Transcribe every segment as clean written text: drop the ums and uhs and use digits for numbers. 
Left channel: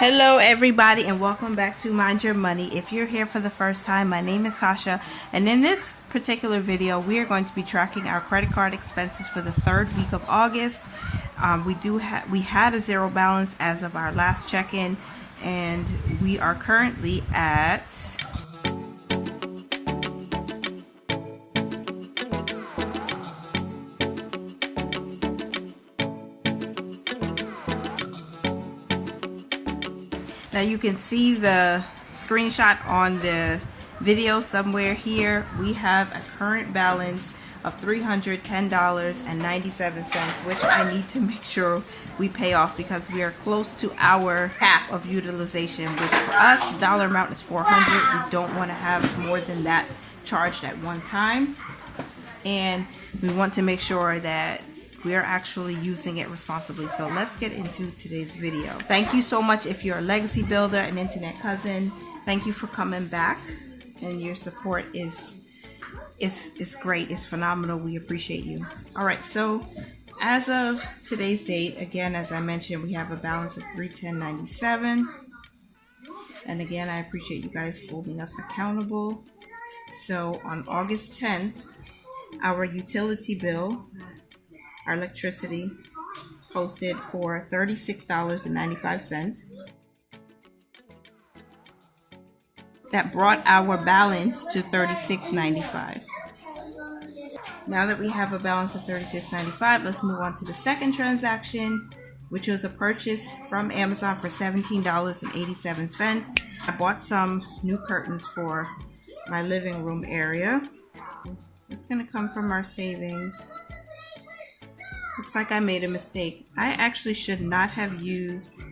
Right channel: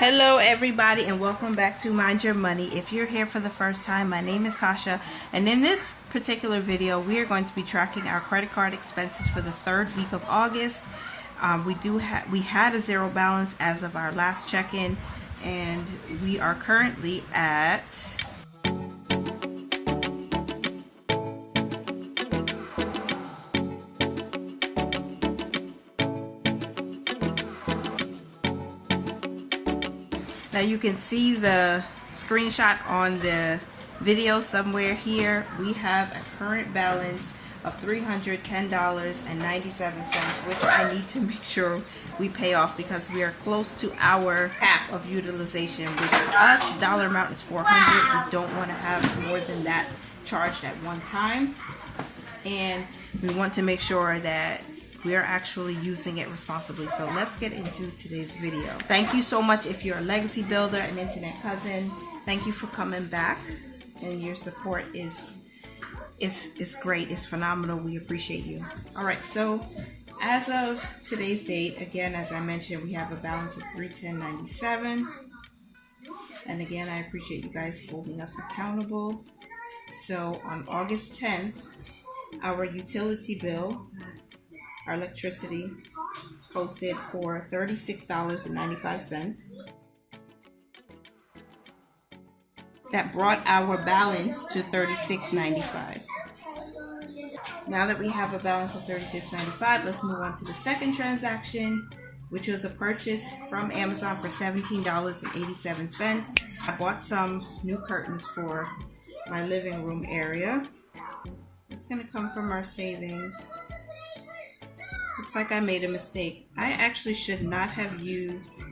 Hello everybody and welcome back to Mind Your Money. If you're here for the first time, my name is Tasha, and in this particular video we are going to be tracking our credit card expenses for the third week of August. We had a zero balance as of our last check-in, and we are currently at now you can see the screenshot on the video somewhere here. We have a current balance of $310.97, which I need to make sure we pay off because we are close to our half of utilization, which for us, the dollar amount is $400. We don't want to have more than that charged at one time, and we want to make sure that we're actually using it responsibly. So let's get into today's video. Thank you so much if you're a legacy builder, an internet cousin. Thank you for coming back, and your support is great. It's phenomenal. We appreciate you. All right, so as of today's date, again, as I mentioned, we have a balance of $310.97, and again, I appreciate you guys holding us accountable. So on August 10th, our utility bill, our electricity, posted for $36.95. That brought our balance to $36.95. Now that we have a balance of $36.95, let's move on to the second transaction, which was a purchase from Amazon for $17.87. I bought some new curtains for my living room area. It's going to come from our savings. Looks like I made a mistake. I actually should not have used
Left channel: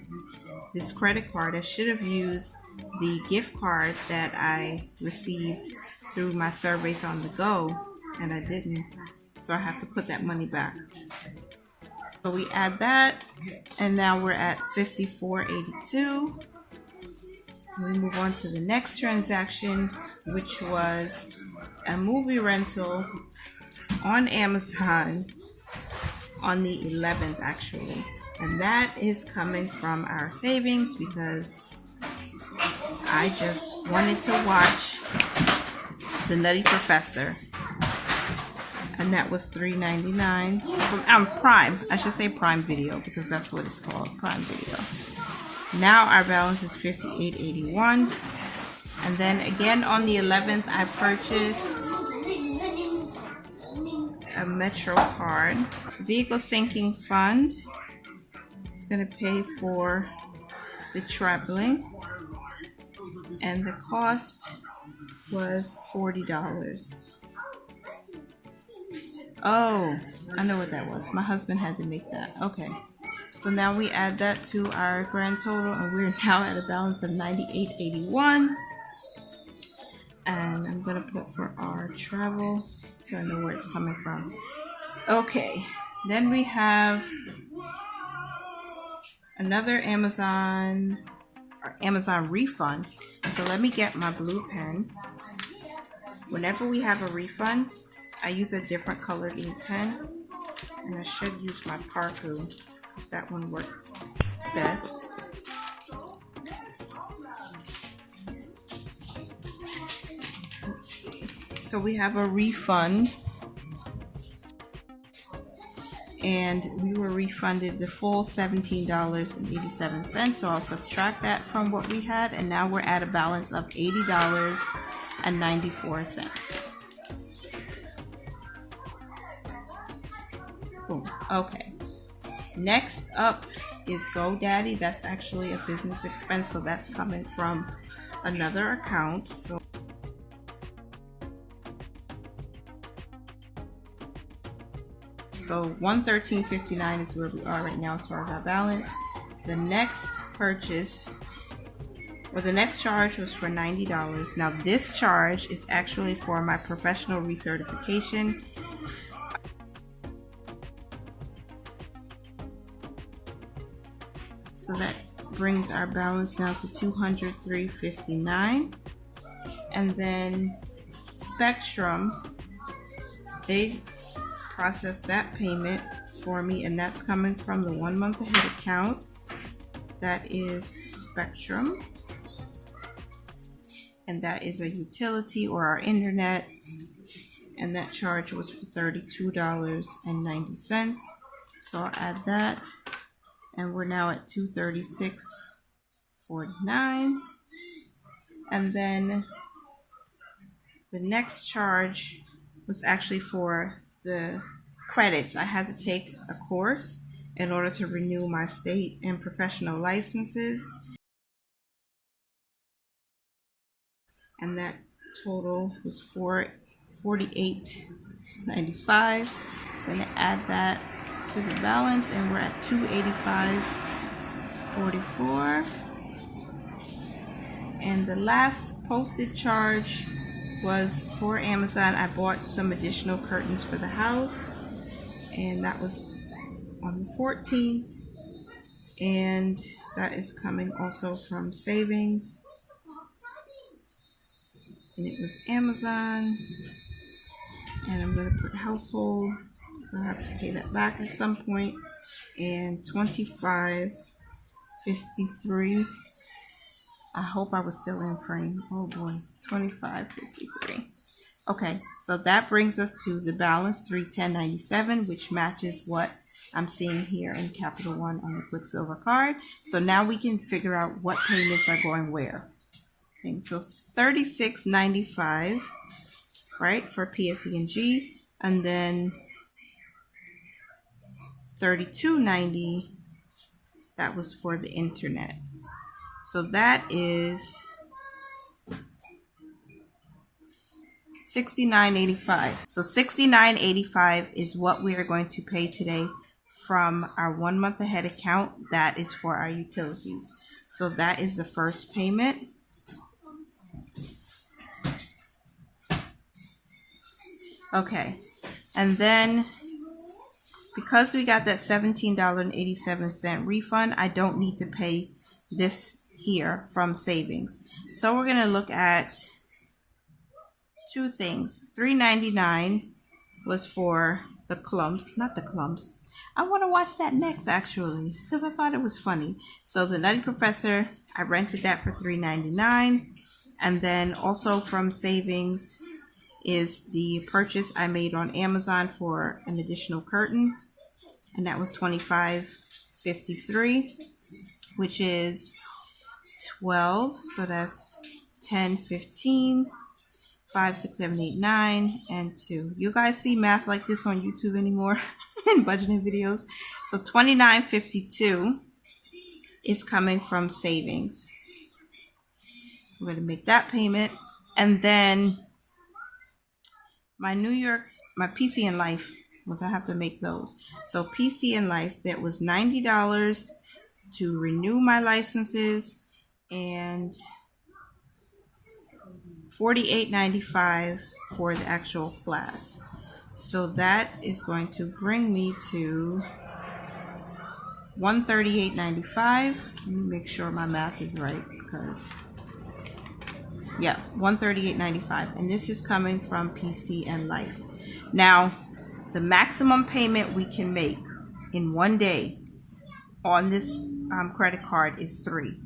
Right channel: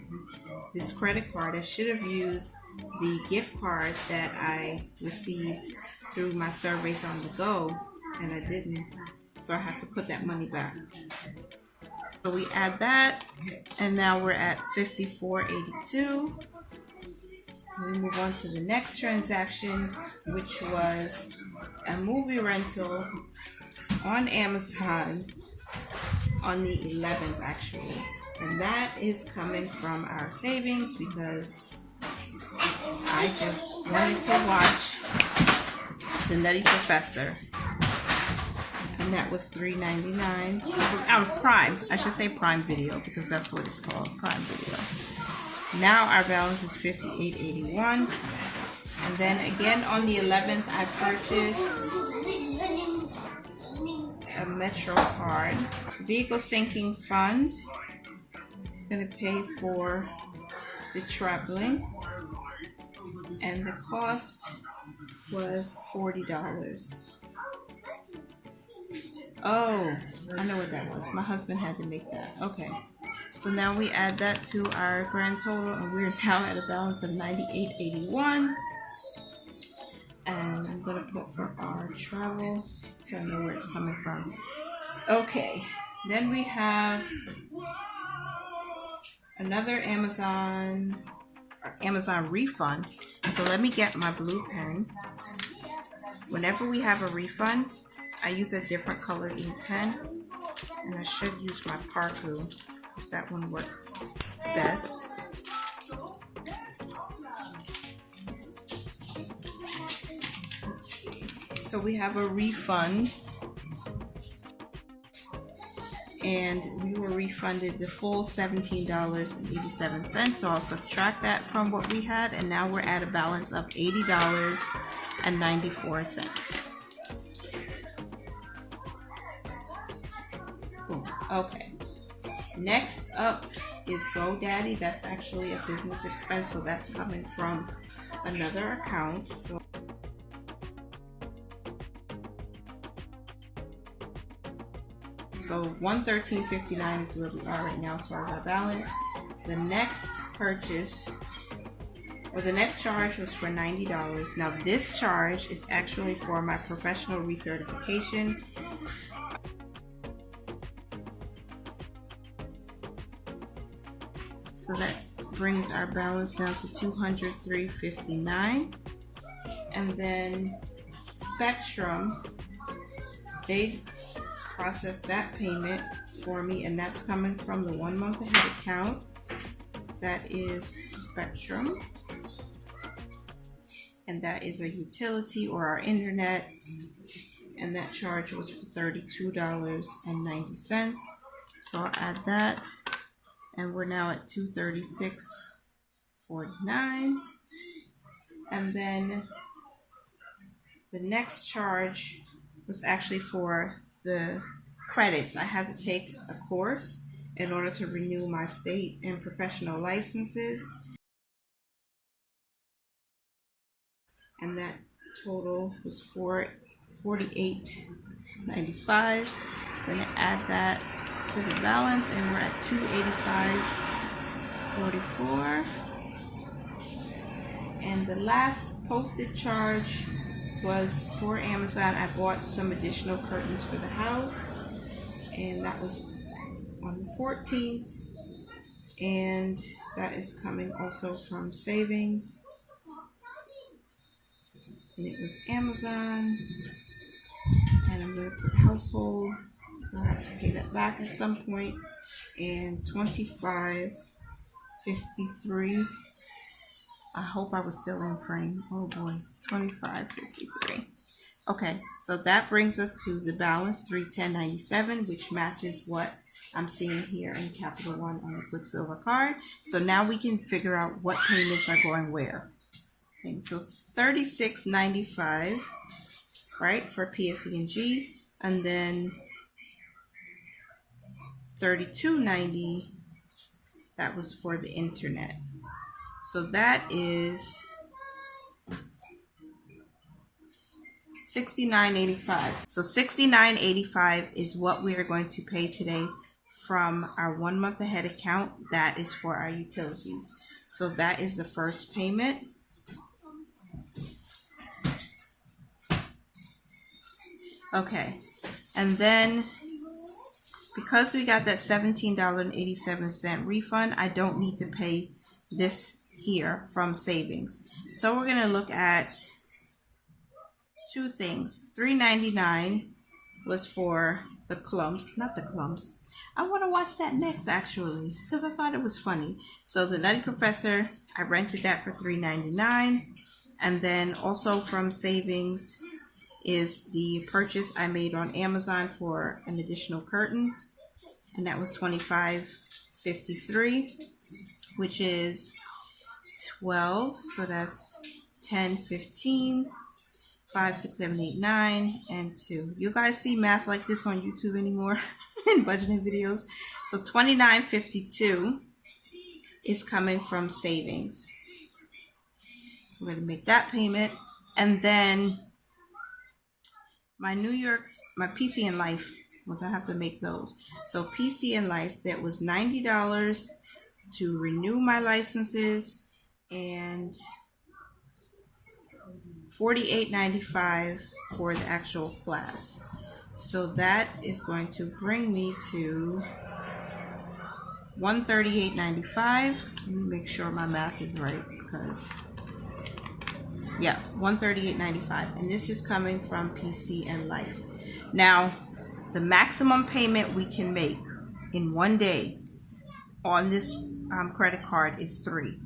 this credit card. I should have used the gift card that I received through my surveys on the go, and I didn't. So I have to put that money back. So we add that, and now we're at $54.82. We move on to the next transaction, which was a movie rental on Amazon on the 11th actually, and that is coming from our savings because I just wanted to watch The Nutty Professor, and that was $3.99. Prime, I should say Prime Video because that's what it's called, Prime Video. Now our balance is $58.81, and then again on the 11th I purchased a Metro card. Vehicle sinking fund. It's going to pay for the traveling, and the cost was $40. Oh, I know what that was. My husband had to make that. Okay, so now we add that to our grand total, and we're now at a balance of $98.81. And I'm going to put for our travel so I know where it's coming from. Okay, then we have another Amazon refund. So let me get my blue pen. Whenever we have a refund, I use a different colored ink pen, and I should use my Parku because that one works best. So we have a refund, and we were refunded the full $17.87. So I'll subtract that from what we had, and now we're at a balance of $80.94. Boom. Okay. Next up is GoDaddy. That's actually a business expense, so that's coming from another account. So $113.59 is where we are right now as far as our balance. The next purchase, or the next charge, was for $90. Now this charge is actually for my professional recertification. So that brings our balance now to $203.59. And then Spectrum, they process that payment for me, and that's coming from the 1 month ahead account. that is Spectrum, and that is a utility or our internet, and that charge was for $32.90. So I'll add that, and we're now at $236.49. And then the next charge was actually for the credits. I had to take a course in order to renew my state and professional licenses, and that total was $48.95. Gonna add that to the balance, and we're at $285.44. And the last posted charge was for Amazon. I bought some additional curtains for the house, and that was on the 14th, and that is coming also from savings, and it was Amazon. And I'm going to put household, so I have to pay that back at some point, and $25.53. I hope I was still in frame. Oh boy, $25.53. Okay, so that brings us to the balance, $310.97, which matches what I'm seeing here in Capital One on the Quicksilver card. So now we can figure out what payments are going where. Okay, so $36.95, right, for PSE&G, and then $32.90, that was for the internet. So that is $69.85. So $69.85 is what we are going to pay today from our 1 month ahead account. That is for our utilities. So that is the first payment. Okay, and then because we got that $17.87 refund, I don't need to pay this here from savings. So we're going to look at two things. $3.99 was for the clumps, not the clumps. I want to watch that next actually, because I thought it was funny. So the Nutty Professor, I rented that for $3.99, and then also from savings is the purchase I made on Amazon for an additional curtain, and that was $25.53, which is 12, so that's 10, 15, 5, 6, 7, 8, 9, and 2. You guys see math like this on YouTube anymore in budgeting videos? So $29.52 is coming from savings. I'm going to make that payment, and then my PC and Life, was I have to make those. So PC and Life, that was $90 to renew my licenses, and $48.95 for the actual class. So that is going to bring me to $138.95. Let me make sure my math is right, because yeah, $138.95, and this is coming from PC and Life. Now, the maximum payment we can make in one day on this credit card is 3.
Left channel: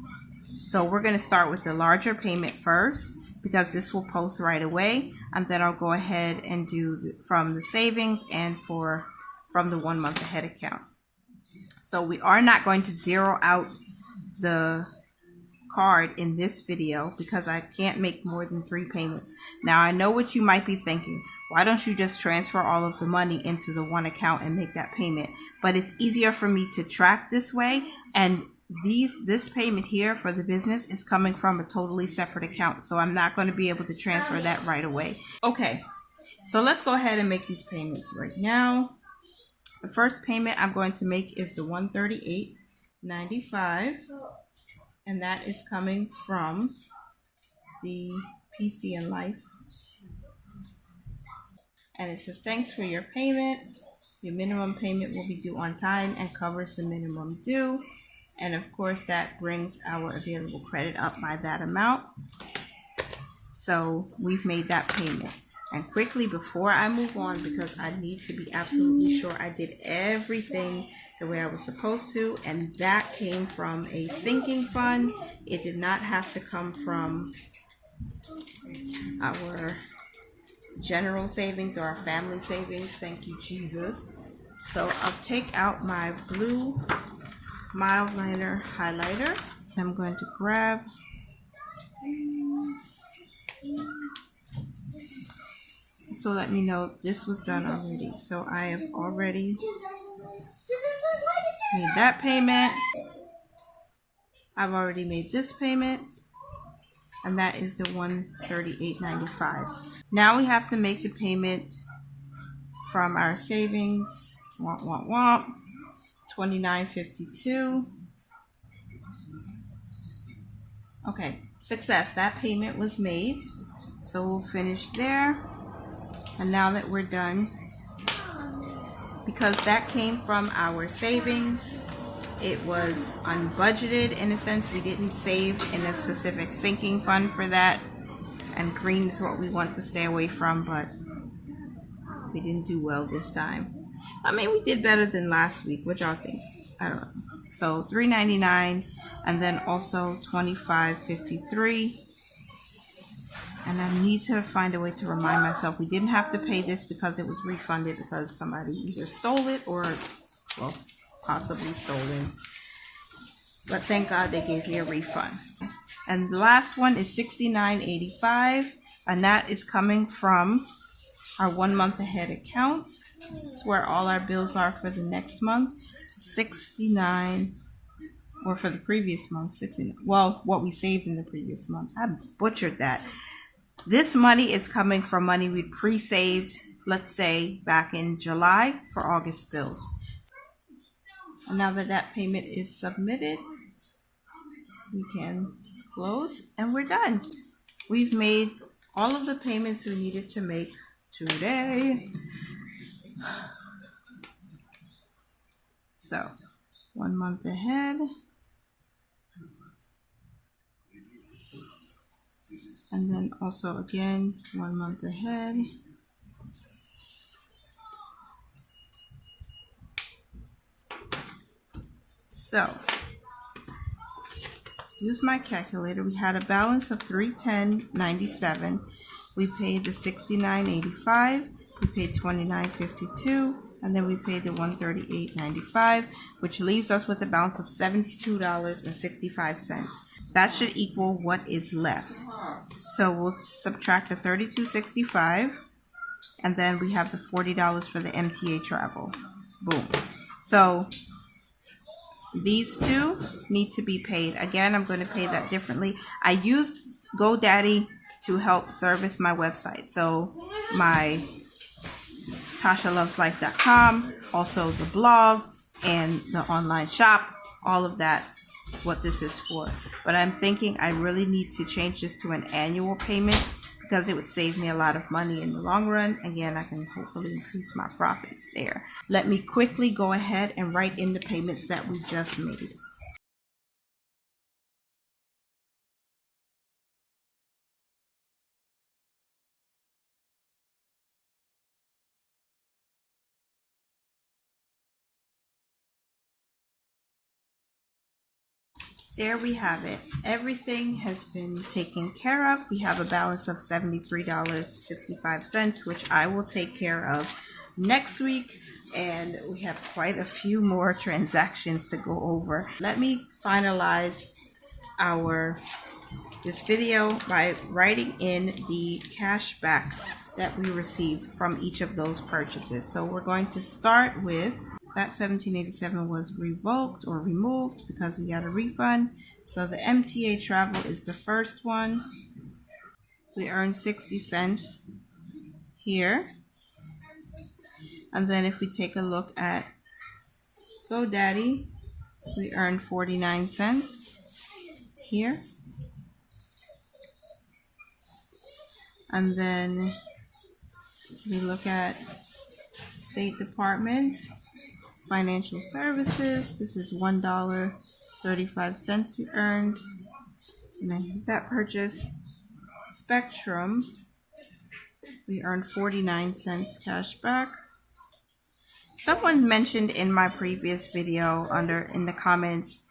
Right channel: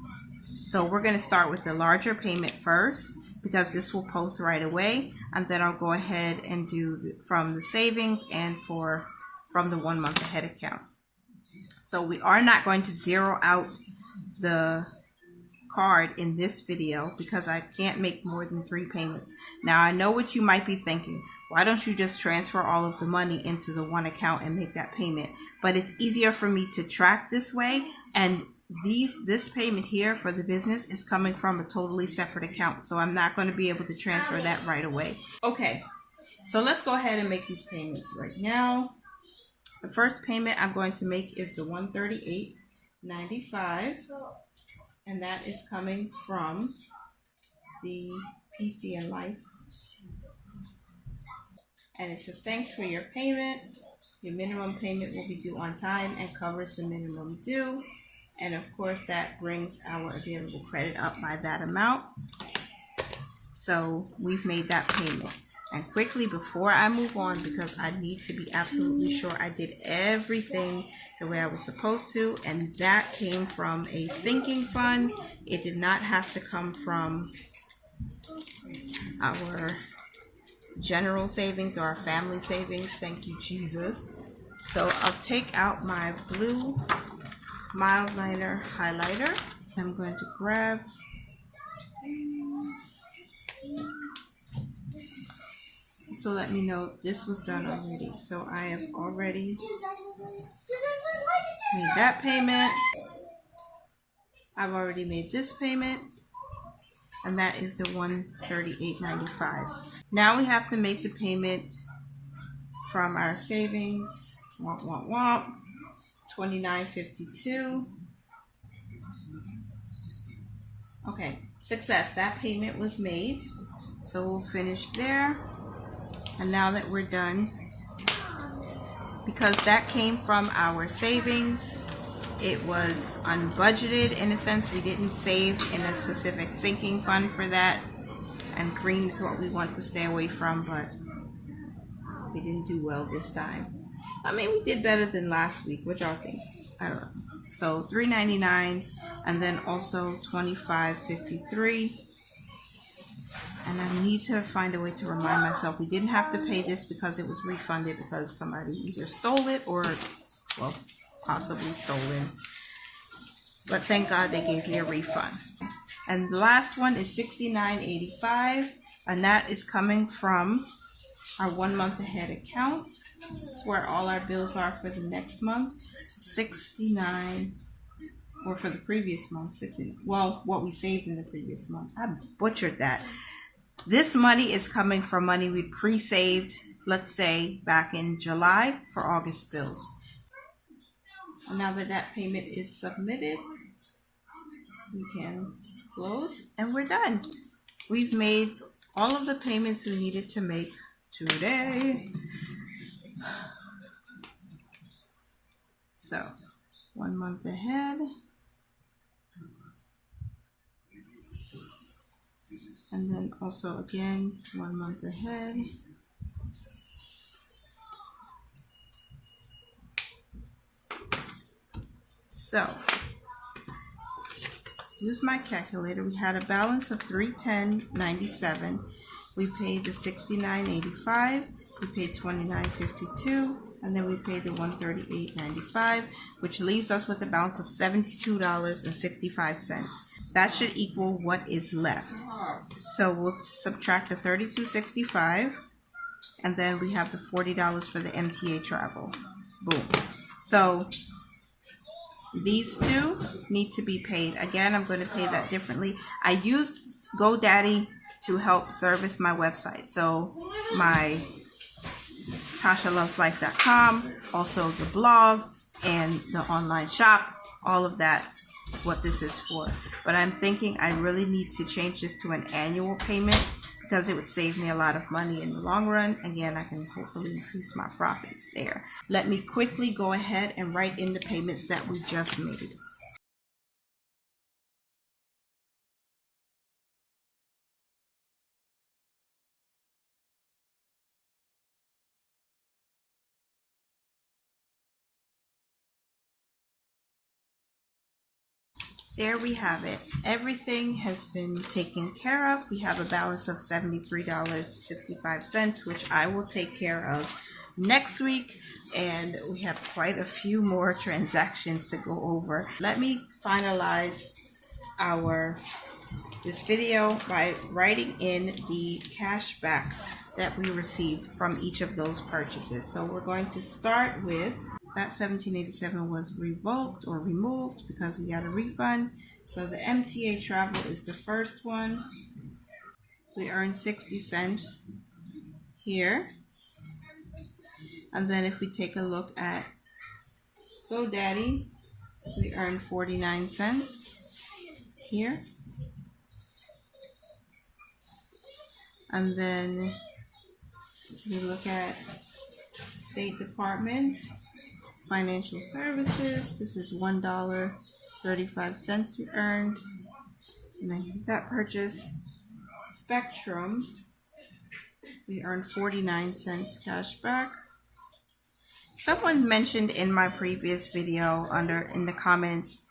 So we're going to start with the larger payment first, because this will post right away, and then I'll go ahead and do from the savings and from the 1 month ahead account. So we are not going to zero out the card in this video because I can't make more than 3 payments. Now I know what you might be thinking. Why don't you just transfer all of the money into the one account and make that payment? But it's easier for me to track this way, and this payment here for the business is coming from a totally separate account, so I'm not going to be able to transfer that right away. Okay, so let's go ahead and make these payments right now. The first payment I'm going to make is the $138.95, and that is coming from the PC and Life. And it says, thanks for your payment. Your minimum payment will be due on time and covers the minimum due. And of course, that brings our available credit up by that amount. So we've made that payment. And quickly, before I move on, because I need to be absolutely sure I did everything the way I was supposed to, and that came from a sinking fund. It did not have to come from our general savings or our family savings. Thank you, Jesus. So I'll take out my blue mild liner highlighter. I'm going to grab so let me know this was done already. So I have already made that payment. I've already made this payment, and that is the $138.95. Now we have to make the payment from our savings. Womp womp womp. $29.52. Okay, success. That payment was made. So we'll finish there. And now that we're done, because that came from our savings, it was unbudgeted in a sense. We didn't save in a specific sinking fund for that. And green is what we want to stay away from, but we didn't do well this time. I mean, we did better than last week. What y'all think? I don't know. So $3.99 and then also $25.53. And I need to find a way to remind myself we didn't have to pay this because it was refunded because somebody either stole it or, well, possibly stolen. But thank God they gave me a refund. And the last one is $69.85, and that is coming from our 1 month ahead account. It's where all our bills are for the next month. So $69, or for the previous month, $69. Well, what we saved in the previous month. I butchered that. This money is coming from money we pre-saved, let's say, back in July for August bills. And now that that payment is submitted, we can close and we're done. We've made all of the payments we needed to make today. So 1 month ahead. And then also again, 1 month ahead. So, use my calculator. We had a balance of $310.97. We paid the $69.85. We paid $29.52. And then we paid the $138.95, which leaves us with a balance of $72.65. That should equal what is left. So we'll subtract the $32.65, and then we have the $40 for the MTA travel. Boom. So these two need to be paid. Again, I'm going to pay that differently. I use GoDaddy to help service my website. So my TashaLovesLife.com, also the blog and the online shop, all of that is what this is for. But I'm thinking I really need to change this to an annual payment because it would save me a lot of money in the long run. Again, I can hopefully increase my profits there. Let me quickly go ahead and write in the payments that we just made. There we have it. Everything has been taken care of. We have a balance of $73.65, which I will take care of next week. And we have quite a few more transactions to go over. Let me finalize this video by writing in the cash back that we received from each of those purchases. So we're going to start with that $17.87 was revoked or removed because we got a refund. So the MTA travel is the first one. We earned 60 cents here. And then if we take a look at GoDaddy, we earned 49 cents here. And then we look at State Department, Financial Services. This is $1.35 we earned. And then that purchase. Spectrum, we earned 49 cents cash back. Someone mentioned in my previous video in the comments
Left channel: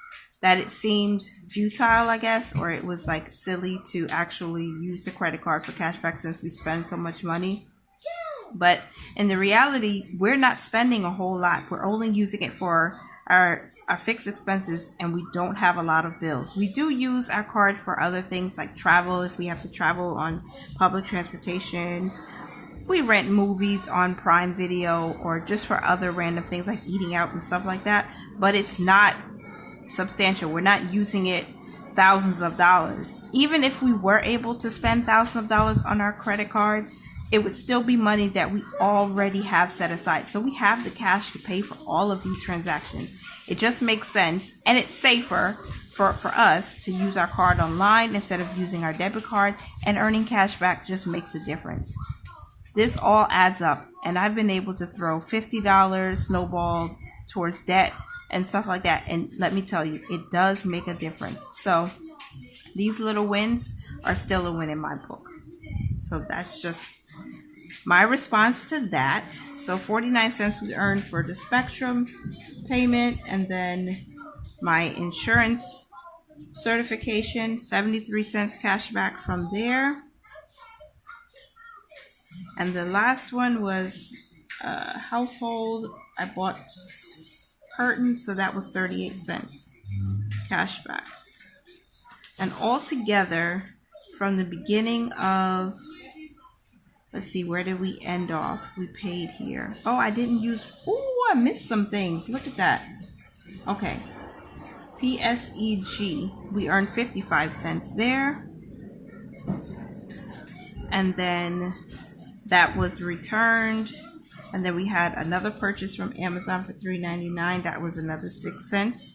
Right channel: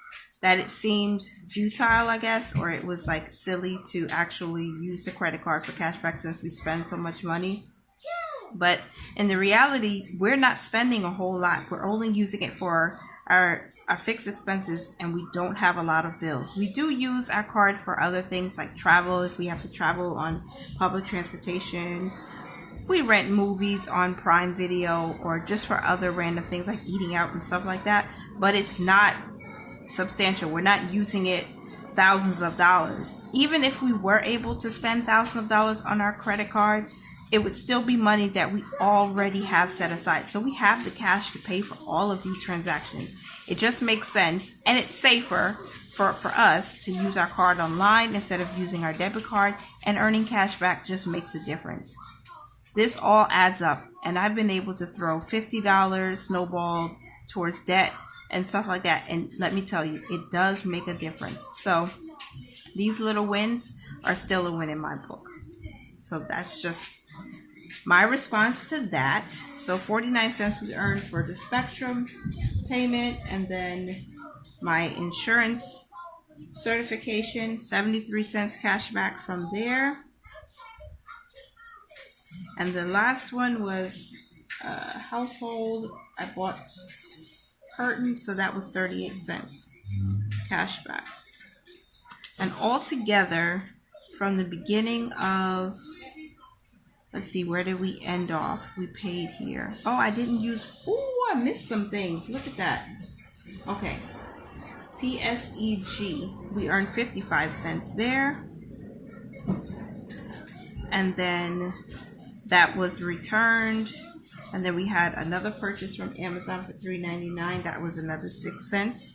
that it seemed futile, I guess, or it was like silly to actually use the credit card for cashback since we spend so much money. But in the reality, we're not spending a whole lot. We're only using it for our fixed expenses, and we don't have a lot of bills. We do use our card for other things like travel, if we have to travel on public transportation. We rent movies on Prime Video, or just for other random things like eating out and stuff like that. But it's not substantial. We're not using it thousands of dollars. Even if we were able to spend thousands of dollars on our credit card, it would still be money that we already have set aside. So we have the cash to pay for all of these transactions. It just makes sense, and it's safer for us to use our card online instead of using our debit card, and earning cash back just makes a difference. This all adds up, and I've been able to throw $50 snowball towards debt and stuff like that. And let me tell you, it does make a difference. So these little wins are still a win in my book. So that's just my response to that. So 49 cents we earned for the Spectrum payment, and then my insurance certification, 73 cents cash back from there. And the last one was household. I bought curtains, so that was 38 cents cash back. And altogether, from the beginning of, let's see, where did we end off? We paid here. Oh, I didn't use, I missed some things. Look at that. Okay. PSEG, we earned 55 cents there. And then that was returned. And then we had another purchase from Amazon for $3.99. That was another 6 cents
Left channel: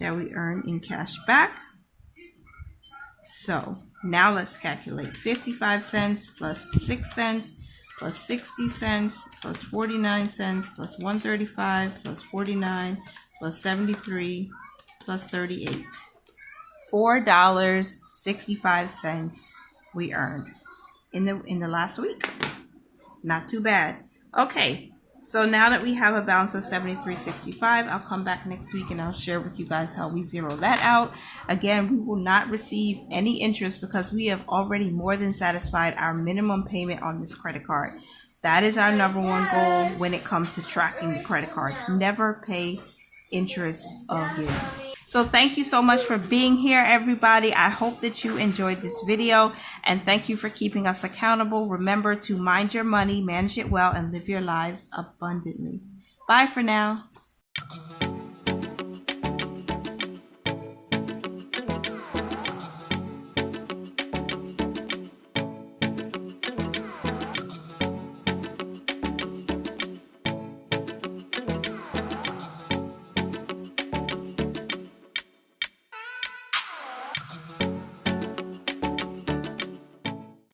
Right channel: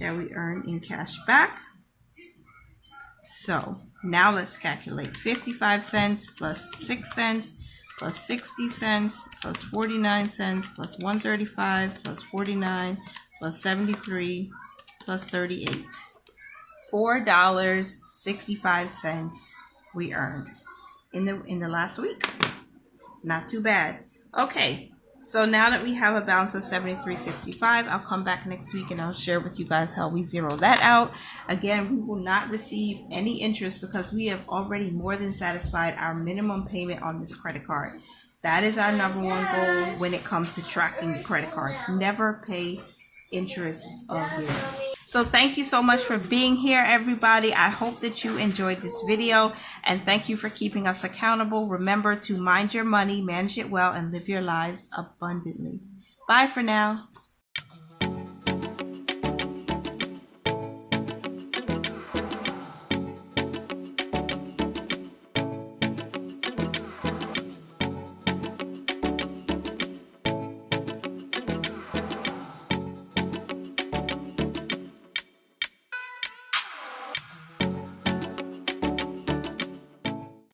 that we earned in cash back. So now let's calculate 55 cents plus 6 cents plus 60 cents plus 49 cents plus 135 plus 49 plus 73 plus 38. $4.65 we earned in the last week. Not too bad. Okay, so now that we have a balance of $73.65, I'll come back next week and I'll share with you guys how we zero that out. Again, we will not receive any interest because we have already more than satisfied our minimum payment on this credit card. That is our number one goal when it comes to tracking the credit card. Never pay interest again. So thank you so much for being here, everybody. I hope that you enjoyed this video, and thank you for keeping us accountable. Remember to mind your money, manage it well, and live your lives abundantly. Bye for now.